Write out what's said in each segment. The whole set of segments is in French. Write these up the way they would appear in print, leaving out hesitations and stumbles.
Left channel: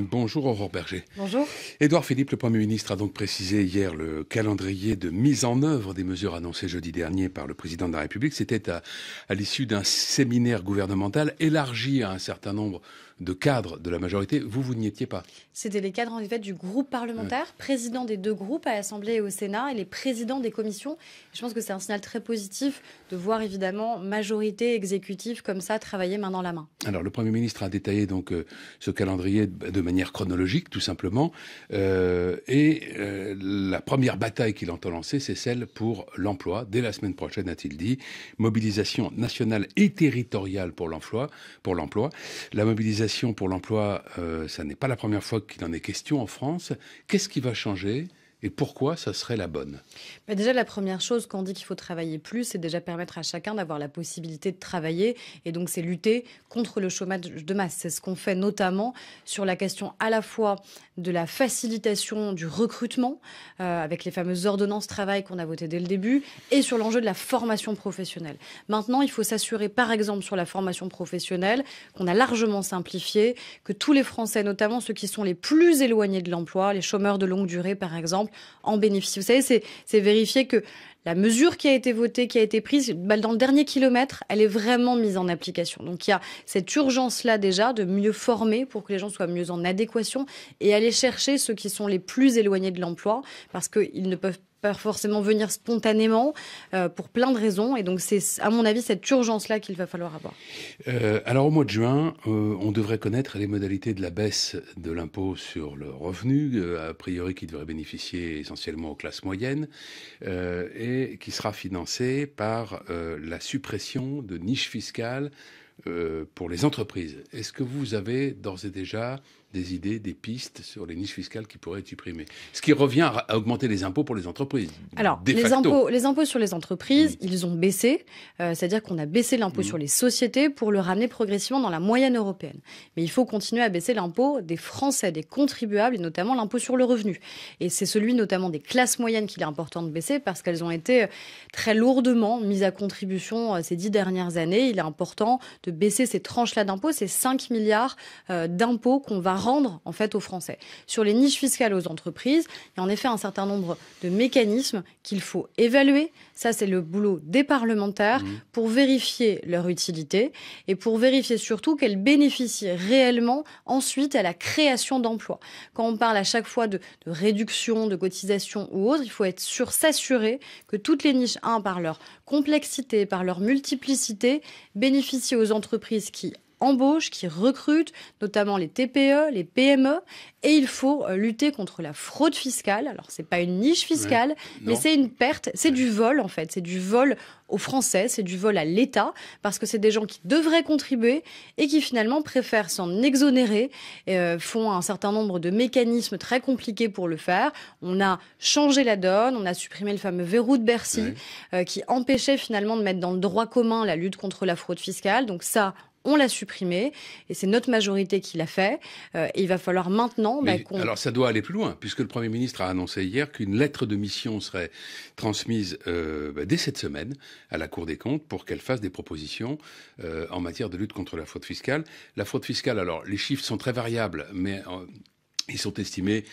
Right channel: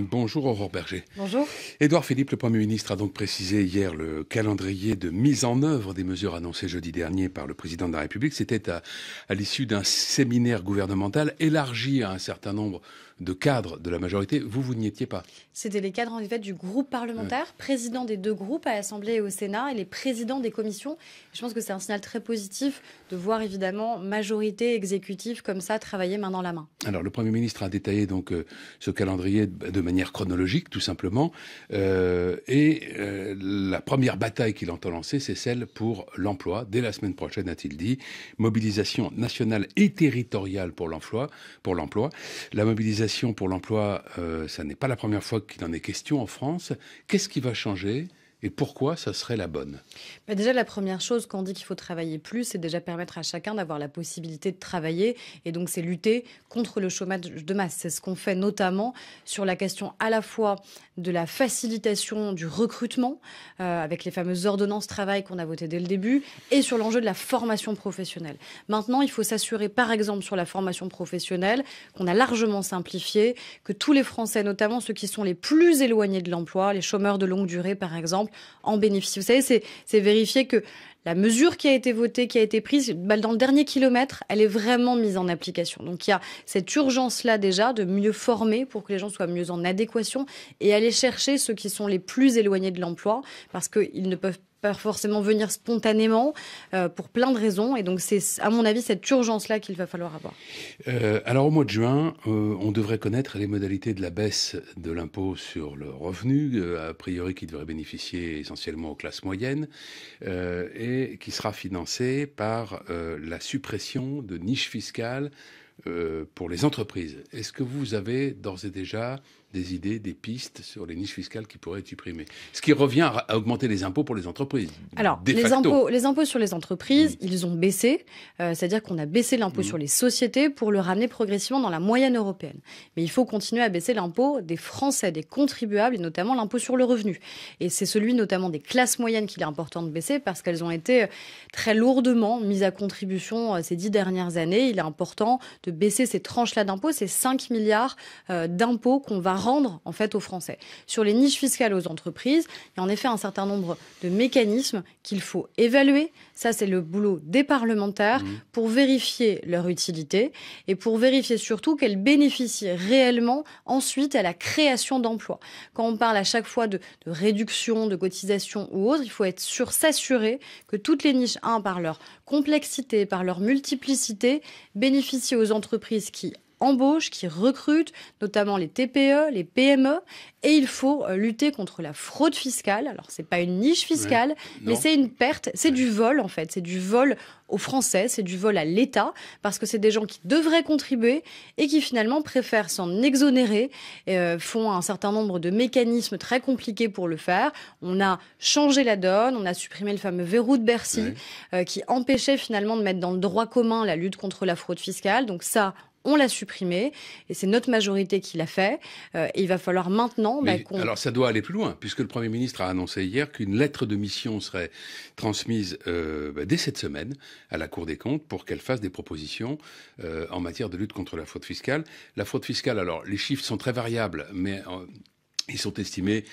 Bonjour Aurore Berger. Bonjour. Édouard Philippe, le Premier ministre, a donc précisé hier le calendrier de mise en œuvre des mesures annoncées jeudi dernier par le Président de la République. C'était à l'issue d'un séminaire gouvernemental élargi à un certain nombre de cadres de la majorité. Vous n'y étiez pas. C'était les cadres en fait du groupe parlementaire, présidents des deux groupes à l'Assemblée et au Sénat et les présidents des commissions. Je pense que c'est un signal très positif de voir évidemment majorité exécutive comme ça travailler main dans la main. Alors le Premier ministre a détaillé donc ce calendrier de manière chronologique tout simplement la première bataille qu'il entend lancer, c'est celle pour l'emploi. Dès la semaine prochaine, a-t-il dit, mobilisation nationale et territoriale pour l'emploi. La mobilisation pour l'emploi, ça n'est pas la première fois qu'il en est question en France. Qu'est-ce qui va changer et pourquoi ça serait la bonne? Déjà, la première chose quand on dit qu'il faut travailler plus, c'est déjà permettre à chacun d'avoir la possibilité de travailler. Et donc, c'est lutter contre le chômage de masse. C'est ce qu'on fait notamment sur la question à la fois de la facilitation du recrutement, avec les fameuses ordonnances travail qu'on a votées dès le début, et sur l'enjeu de la formation professionnelle. Maintenant, il faut s'assurer, par exemple, sur la formation professionnelle, qu'on a largement simplifié, que tous les Français, notamment ceux qui sont les plus éloignés de l'emploi, les chômeurs de longue durée, par exemple, en bénéficient. Vous savez, c'est vérifier que la mesure qui a été votée, qui a été prise, dans le dernier kilomètre, elle est vraiment mise en application. Donc il y a cette urgence-là déjà de mieux former pour que les gens soient mieux en adéquation et aller chercher ceux qui sont les plus éloignés de l'emploi parce qu'ils ne peuvent pas forcément venir spontanément pour plein de raisons. Et donc c'est, à mon avis, cette urgence-là qu'il va falloir avoir. Alors au mois de juin, on devrait connaître les modalités de la baisse de l'impôt sur le revenu, a priori qui devrait bénéficier essentiellement aux classes moyennes, et qui sera financée par la suppression de niches fiscales pour les entreprises. Est-ce que vous avez d'ores et déjà des idées, des pistes sur les niches fiscales qui pourraient être supprimées? Ce qui revient à augmenter les impôts pour les entreprises. Alors, les impôts sur les entreprises, ils ont baissé. C'est-à-dire qu'on a baissé l'impôt sur les sociétés pour le ramener progressivement dans la moyenne européenne. Mais il faut continuer à baisser l'impôt des Français, des contribuables, et notamment l'impôt sur le revenu. Et c'est celui notamment des classes moyennes qu'il est important de baisser parce qu'elles ont été très lourdement mises à contribution ces 10 dernières années. Il est important de baisser ces tranches-là d'impôts, ces 5 milliards d'impôts qu'on va rendre en fait aux Français. Sur les niches fiscales aux entreprises, il y a en effet un certain nombre de mécanismes qu'il faut évaluer. Ça, c'est le boulot des parlementaires pour vérifier leur utilité et pour vérifier surtout qu'elles bénéficient réellement ensuite à la création d'emplois. Quand on parle à chaque fois de réduction, de cotisation ou autre, il faut être sûr, s'assurer que toutes les niches, par leur complexité, par leur multiplicité, bénéficient aux entreprises qui embauchent, qui recrutent, notamment les TPE, les PME, et il faut lutter contre la fraude fiscale. Alors, c'est pas une niche fiscale, mais c'est une perte, c'est du vol en fait, c'est du vol aux Français, c'est du vol à l'État, parce que c'est des gens qui devraient contribuer et qui finalement préfèrent s'en exonérer, font un certain nombre de mécanismes très compliqués pour le faire. On a changé la donne, on a supprimé le fameux verrou de Bercy, qui empêchait finalement de mettre dans le droit commun la lutte contre la fraude fiscale. Donc ça, on l'a supprimé et c'est notre majorité qui l'a fait. Et il va falloir maintenant... alors ça doit aller plus loin puisque le Premier ministre a annoncé hier qu'une lettre de mission serait transmise dès cette semaine à la Cour des comptes pour qu'elle fasse des propositions en matière de lutte contre la fraude fiscale. La fraude fiscale, alors les chiffres sont très variables, mais... ils sont estimés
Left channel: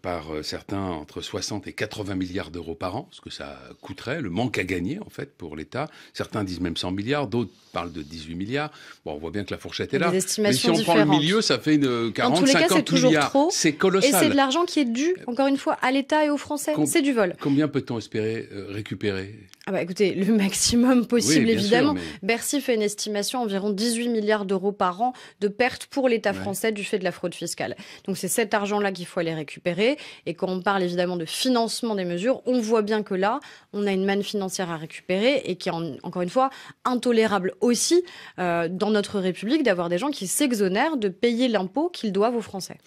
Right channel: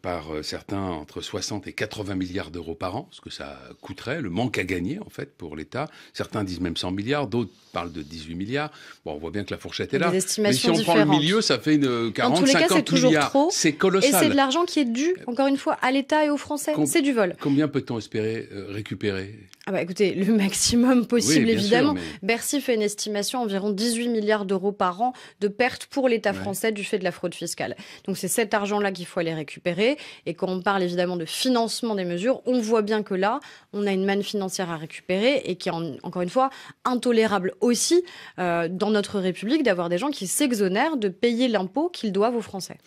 par certains entre 60 et 80 milliards d'euros par an, ce que ça coûterait, le manque à gagner en fait pour l'État. Certains disent même 100 milliards, d'autres parlent de 18 milliards. Bon, on voit bien que la fourchette est là. Mais si on prend le milieu, ça fait une 40-50 milliards. C'est colossal. Et c'est de l'argent qui est dû, encore une fois, à l'État et aux Français. C'est du vol. Combien peut-on espérer récupérer? Écoutez, le maximum possible, évidemment. Sûr, mais... Bercy fait une estimation environ 18 milliards d'euros par an de pertes pour l'État français du fait de la fraude fiscale. Donc c'est cet argent-là qu'il faut aller récupérer. Et quand on parle évidemment de financement des mesures, on voit bien que là, on a une manne financière à récupérer et qui est encore une fois intolérable aussi dans notre République d'avoir des gens qui s'exonèrent de payer l'impôt qu'ils doivent aux Français.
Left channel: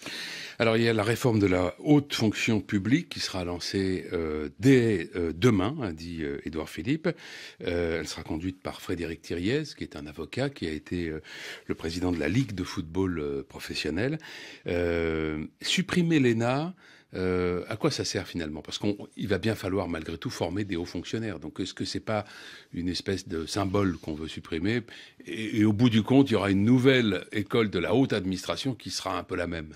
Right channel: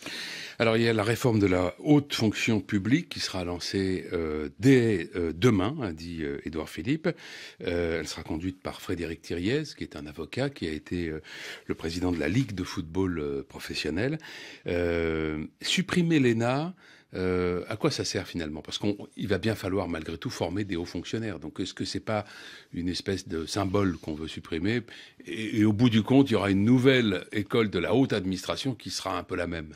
Alors il y a la réforme de la haute fonction publique qui sera lancée dès demain, a dit Édouard Philippe. Elle sera conduite par Frédéric Thiriez, qui est un avocat, qui a été le président de la Ligue de football professionnel. Supprimer l'ENA, à quoi ça sert finalement? Parce qu'il va bien falloir malgré tout former des hauts fonctionnaires. Donc est-ce que c'est pas une espèce de symbole qu'on veut supprimer et au bout du compte, il y aura une nouvelle école de la haute administration qui sera un peu la même?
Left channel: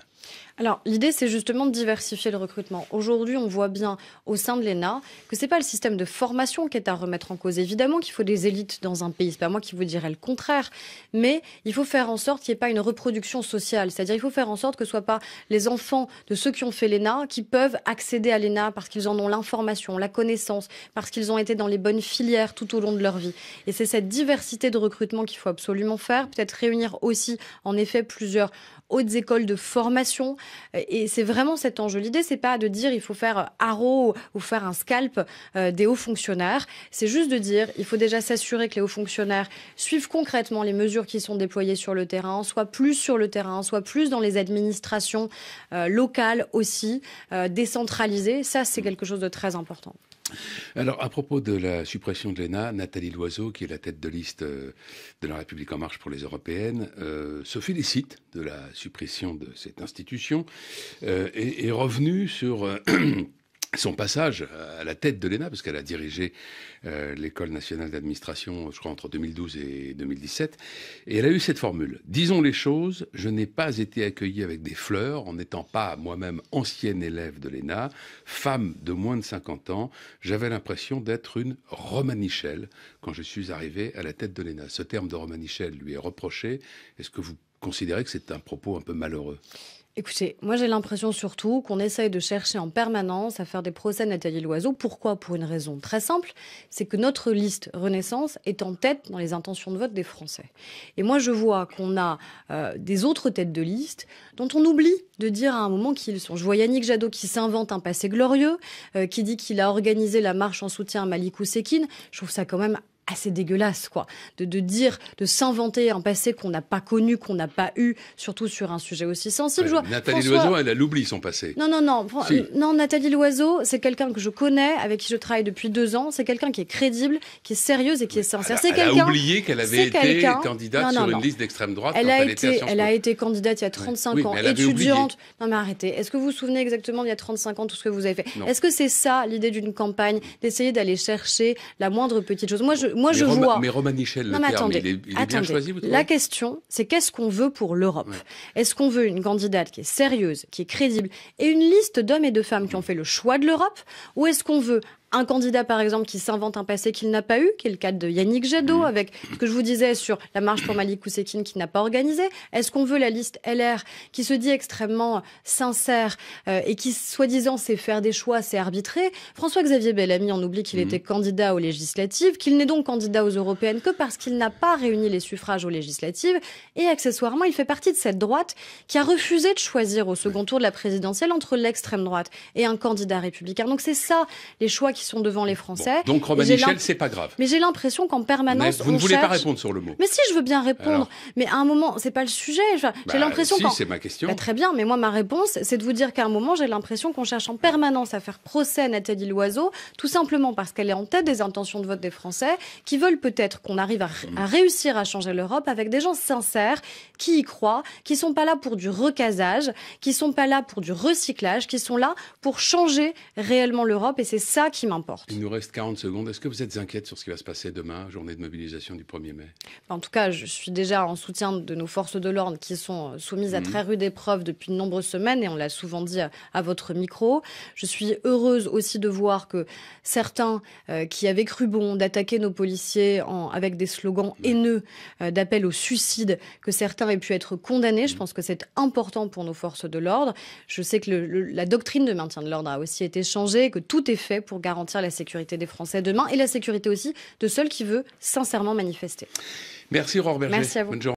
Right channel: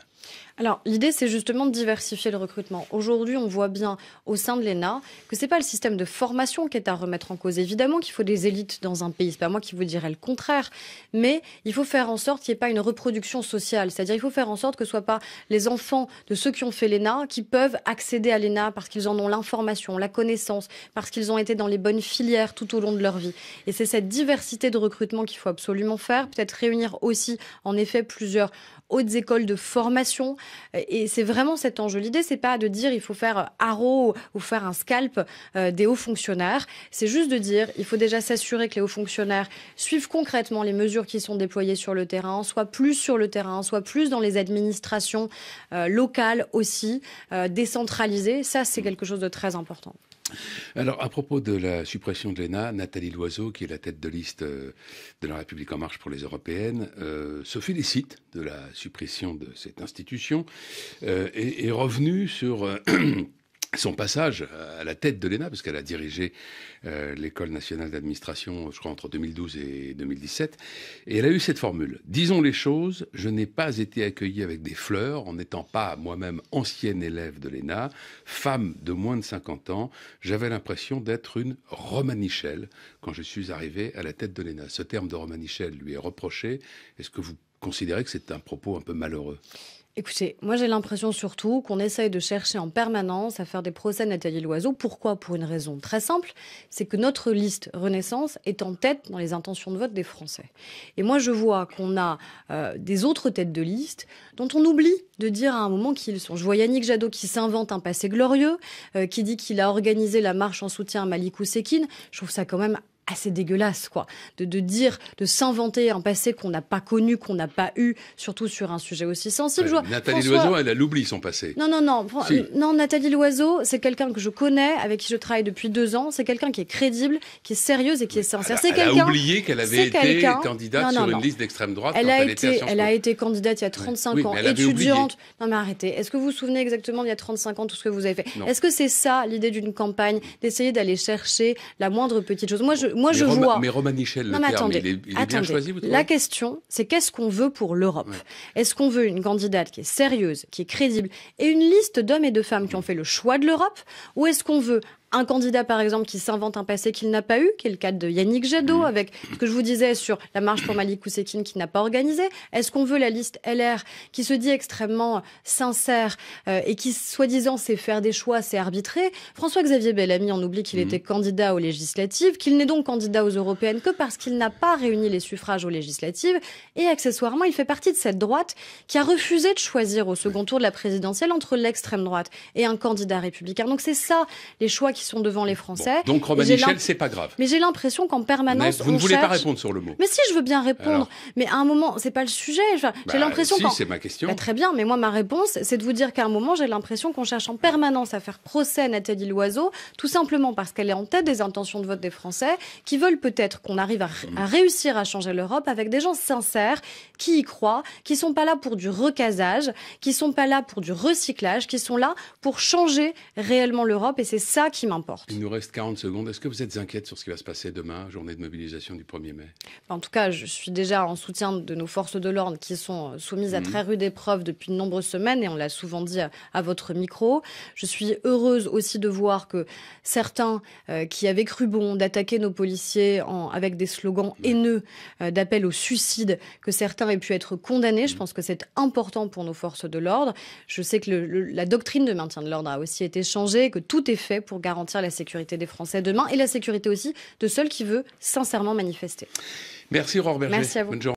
Alors, l'idée, c'est justement de diversifier le recrutement. Aujourd'hui, on voit bien au sein de l'ENA que c'est pas le système de formation qui est à remettre en cause. Évidemment qu'il faut des élites dans un pays. C'est pas moi qui vous dirais le contraire. Mais il faut faire en sorte qu'il n'y ait pas une reproduction sociale. C'est-à-dire, il faut faire en sorte que ce ne soit pas les enfants de ceux qui ont fait l'ENA qui peuvent accéder à l'ENA parce qu'ils en ont l'information, la connaissance, parce qu'ils ont été dans les bonnes filières tout au long de leur vie. Et c'est cette diversité de recrutement qu'il faut absolument faire. Peut-être réunir aussi, en effet, plusieurs hautes écoles de formation. Et c'est vraiment cet enjeu. L'idée, c'est pas de dire il faut faire haro ou faire un scalp des hauts fonctionnaires. C'est juste de dire il faut déjà s'assurer que les hauts fonctionnaires suivent concrètement les mesures qui sont déployées sur le terrain, soient plus sur le terrain, soient plus dans les administrations locales aussi, décentralisées. Ça, c'est quelque chose de très important. Alors, à propos de la suppression de l'ENA, Nathalie Loiseau, qui est la tête de liste de La République En Marche pour les Européennes, se félicite de la suppression de cette institution et est revenue sur son passage à la tête de l'ENA, parce qu'elle a dirigé l'École nationale d'administration, je crois, entre 2012 et 2017. Et elle a eu cette formule. Disons les choses, je n'ai pas été accueillie avec des fleurs, en n'étant pas moi-même ancienne élève de l'ENA, femme de moins de 50 ans. J'avais l'impression d'être une romanichelle quand je suis arrivé à la tête de l'ENA. Ce terme de romanichelle lui est reproché. Est-ce que vous considérez que c'est un propos un peu malheureux ? Écoutez, moi j'ai l'impression surtout qu'on essaye de chercher en permanence à faire des procès à Nathalie Loiseau. Pourquoi? Pour une raison très simple, c'est que notre liste Renaissance est en tête dans les intentions de vote des Français. Et moi je vois qu'on a des autres têtes de liste dont on oublie de dire à un moment qui ils sont. Je vois Yannick Jadot qui s'invente un passé glorieux, qui dit qu'il a organisé la marche en soutien à Malik Oussekine. Je trouve ça quand même assez dégueulasse, quoi, de dire, de s'inventer un passé qu'on n'a pas connu, qu'on n'a pas eu, surtout sur un sujet aussi sensible. Nathalie Loiseau, elle oublie son passé. Non, Nathalie Loiseau, c'est quelqu'un que je connais, avec qui je travaille depuis 2 ans. C'est quelqu'un qui est crédible, qui est sérieuse et qui est sincère. Elle a oublié qu'elle avait été candidate sur une liste d'extrême droite. Elle a été candidate il y a 35 ans, étudiante. Non mais arrêtez. Est-ce que vous vous souvenez exactement il y a 35 ans tout ce que vous avez fait? Est-ce que c'est ça l'idée d'une campagne, d'essayer d'aller chercher la moindre petite chose? Moi, je vois. Mais Romanichel, le terme, il est bien choisi, vous trouvez? La question, c'est qu'est-ce qu'on veut pour l'Europe? Est-ce qu'on veut une candidate qui est sérieuse, qui est crédible, et une liste d'hommes et de femmes qui ont fait le choix de l'Europe? Ou est-ce qu'on veut un candidat, par exemple, qui s'invente un passé qu'il n'a pas eu, qui est le cas de Yannick Jadot, avec ce que je vous disais sur la marche pour Malik Oussekine qui n'a pas organisé? Est-ce qu'on veut la liste LR qui se dit extrêmement sincère et qui, soi-disant, sait faire des choix, sait arbitrer? François-Xavier Bellamy, on oublie qu'il était candidat aux législatives, qu'il n'est donc candidat aux européennes que parce qu'il n'a pas réuni les suffrages aux législatives. Et accessoirement, il fait partie de cette droite qui a refusé de choisir au second tour de la présidentielle entre l'extrême droite et un candidat républicain. Donc c'est ça, les choix qui sont devant les Français. Bon, donc Romanichel, c'est pas grave. Mais j'ai l'impression qu'en permanence, vous ne voulez pas répondre sur le mot. Mais si, je veux bien répondre. Alors... Mais à un moment, c'est pas le sujet. J'ai l'impression. Si, c'est ma question. Très bien, mais moi ma réponse, c'est de vous dire qu'à un moment, j'ai l'impression qu'on cherche en permanence à faire procès à Nathalie Loiseau, tout simplement parce qu'elle est en tête des intentions de vote des Français, qui veulent peut-être qu'on arrive à réussir à changer l'Europe avec des gens sincères, qui y croient, qui sont pas là pour du recasage, qui sont pas là pour du recyclage, qui sont là pour changer réellement l'Europe, et c'est ça qui m'importe. Il nous reste 40 secondes. Est-ce que vous êtes inquiète sur ce qui va se passer demain, journée de mobilisation du 1er mai? En tout cas, je suis déjà en soutien de nos forces de l'ordre qui sont soumises à très rude épreuve depuis de nombreuses semaines, et on l'a souvent dit à votre micro. Je suis heureuse aussi de voir que certains qui avaient cru bon d'attaquer nos policiers avec des slogans haineux d'appel au suicide, que certains aient pu être condamnés. Je pense que c'est important pour nos forces de l'ordre. Je sais que la doctrine de maintien de l'ordre a aussi été changée, que tout est fait pour garantir la sécurité des Français demain et la sécurité aussi de ceux qui veulent sincèrement manifester. Merci Aurore Berger. Merci à vous. Bonne journée.